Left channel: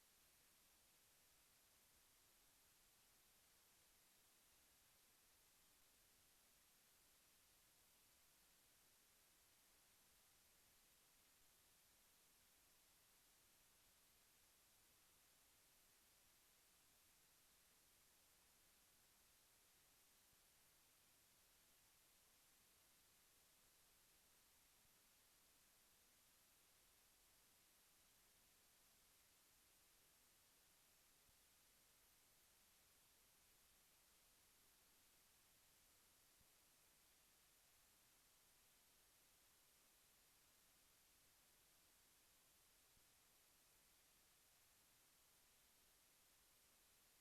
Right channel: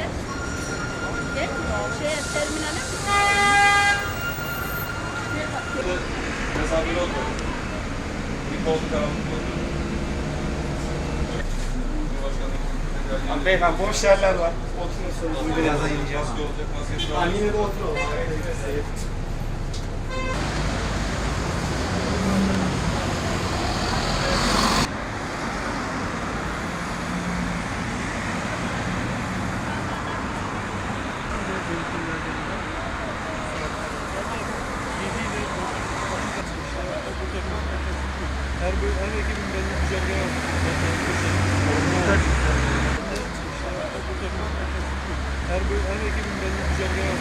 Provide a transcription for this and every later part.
Nerede? Gel. Şey, terminale mi? Mesafeli oldu. Bir koltuk alalım. Abi beyefendi boş yerler var. Oturursunuz. Birazdan ineceğiz. Maske olacak, maske şu Ha, an. yine de Her bir her ekibin belli güzergahı Her bir her ekibin belli güzergahı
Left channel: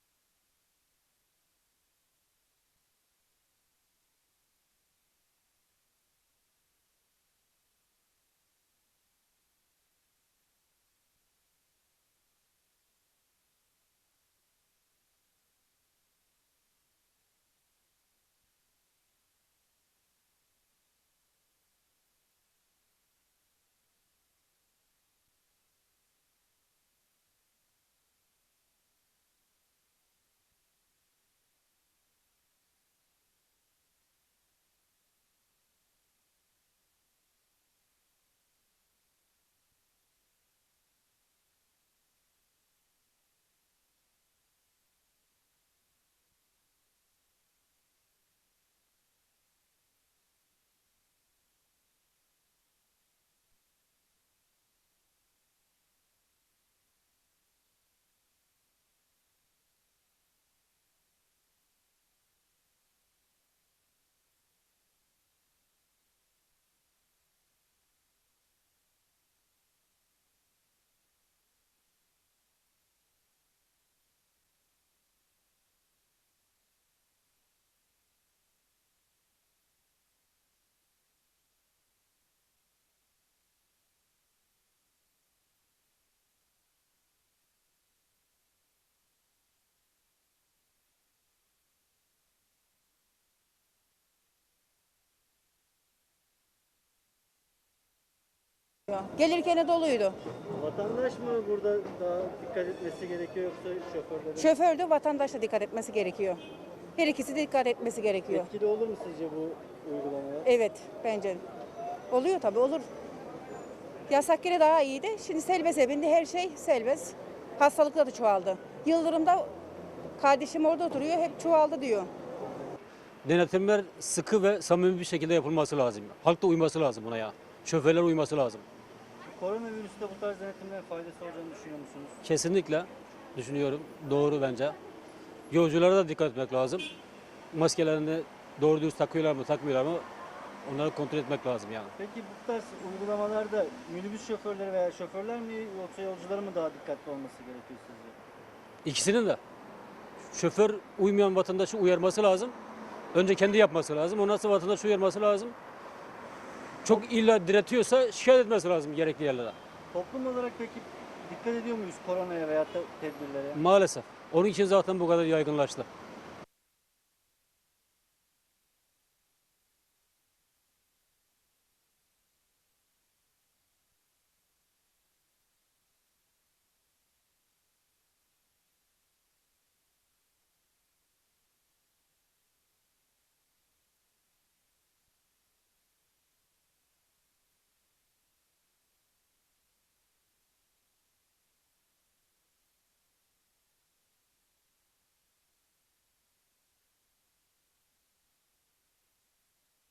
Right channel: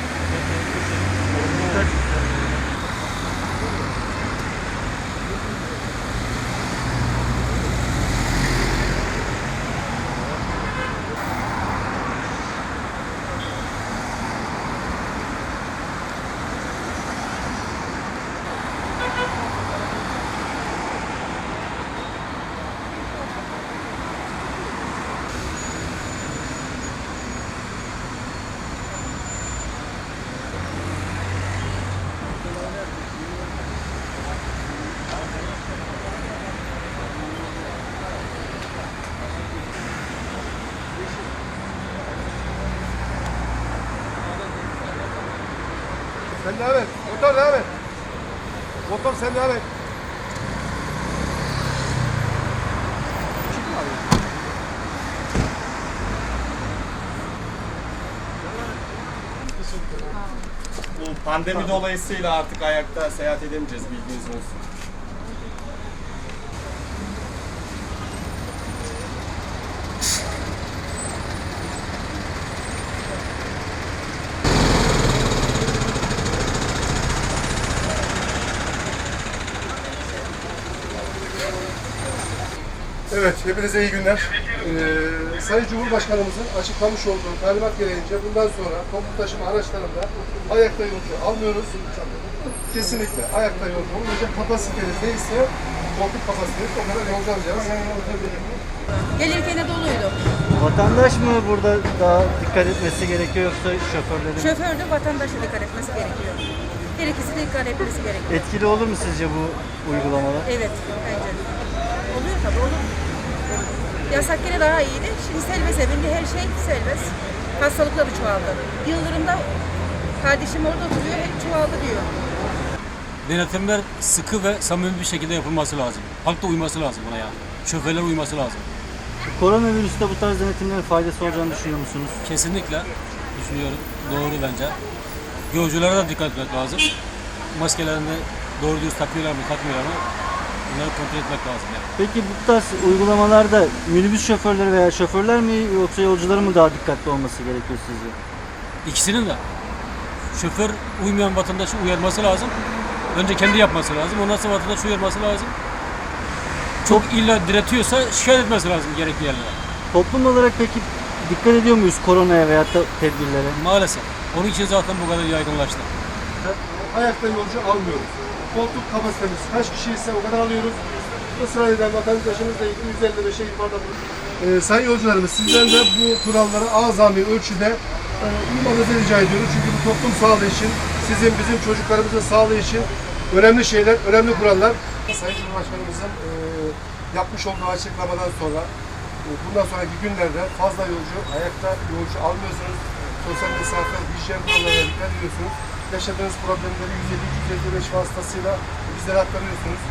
Sen devam et. Motor devam et. Motor sen devam et. Bu pandemi dolayısıyla artık ayakta seyahat edemeyeceğiz bilginiz olsun. Evet, hepinize iyi günler. Ee, Sayın Cumhurbaşkanımızın açıklamış olduğu talimat gereğince bundan sonra toplu taşıma araçlarında ayakta yolcu almıyoruz. Kesinlikle ayakta yolcu olmayacak. Kapasiteniz neyse, koltuk kapasiteniz o kadar yolcu alacağız. Gelirken de doluydu. Vatandaş mı burada daha dikkat etmesi gerekiyor yoksa şoförlerin? Şoför de vatandaşa dikkat etmesi gerekiyor. Her ikisi de dikkat etmesi gerekiyor. Etkili olur mu sizce bu uygulamalar? Evet, bence. Oluyor tabii. Yasak yine daha iyiydi. Şimdi serbest evinde her şey serbest. Hastalıklar da çoğaldı. Yıldırım'da kardeşim orada duruyor, hep çoğaldı diyor. Denetimler sıkı ve samimi bir şekilde yapılması lazım. Halk da uyması lazım buna ya. Şoförler uyması lazım. Koronavirüste bu tarz denetimlerin faydası olacağını düşünüyor musunuz? Kesinlikle düşünüyorum. Doğru bence. Yolculara da dikkat etmek lazım. Maskelerini doğru dürüst takıyorlar mı, takmıyorlar mı? Bunları kontrol etmek lazım yani. Peki bu tarz uygulamalarda minibüs şoförleri veya şoförler mi yoksa yolcuların mı daha dikkatli olması gerekiyor sizce? İkisinin de. Şoför uymayan vatandaşı uyarması lazım. Önce kendi yapması lazım. Ondan sonra vatandaş uyarması lazım. Çok illa diretiyorsa şikayet etmesi lazım gerekli yerlere. Toplum olarak peki dikkat ediyor muyuz koronaya veya da tedbirlere? Maalesef. Onun için zaten bu kadar yaygınlaştı. Ayakta yolcu almıyoruz. Koltuk kapasitemiz kaç kişi ise o kadar alıyoruz. Israr eden vatandaşımızla ilgili 155'e ifade ee, Sayın yolcularımız sizden de bu kurallara azami ölçüde e, uymanızı rica ediyoruz. Çünkü bu toplum sağlığı için, sizin bizim çocuklarımızın sağlığı için önemli şeyler, önemli kurallar. Sayın Cumhurbaşkanımızın e, yapmış olduğu açıklamadan sonra e, bundan sonraki günlerde fazla yolcu, ayakta yolcu almıyorsunuz. Sosyal mesafe, hijyen kurallarına dikkat ediyorsunuz. Yaşadığınız problemleri 150-255 vasıtasıyla bizlere aktarıyorsunuz.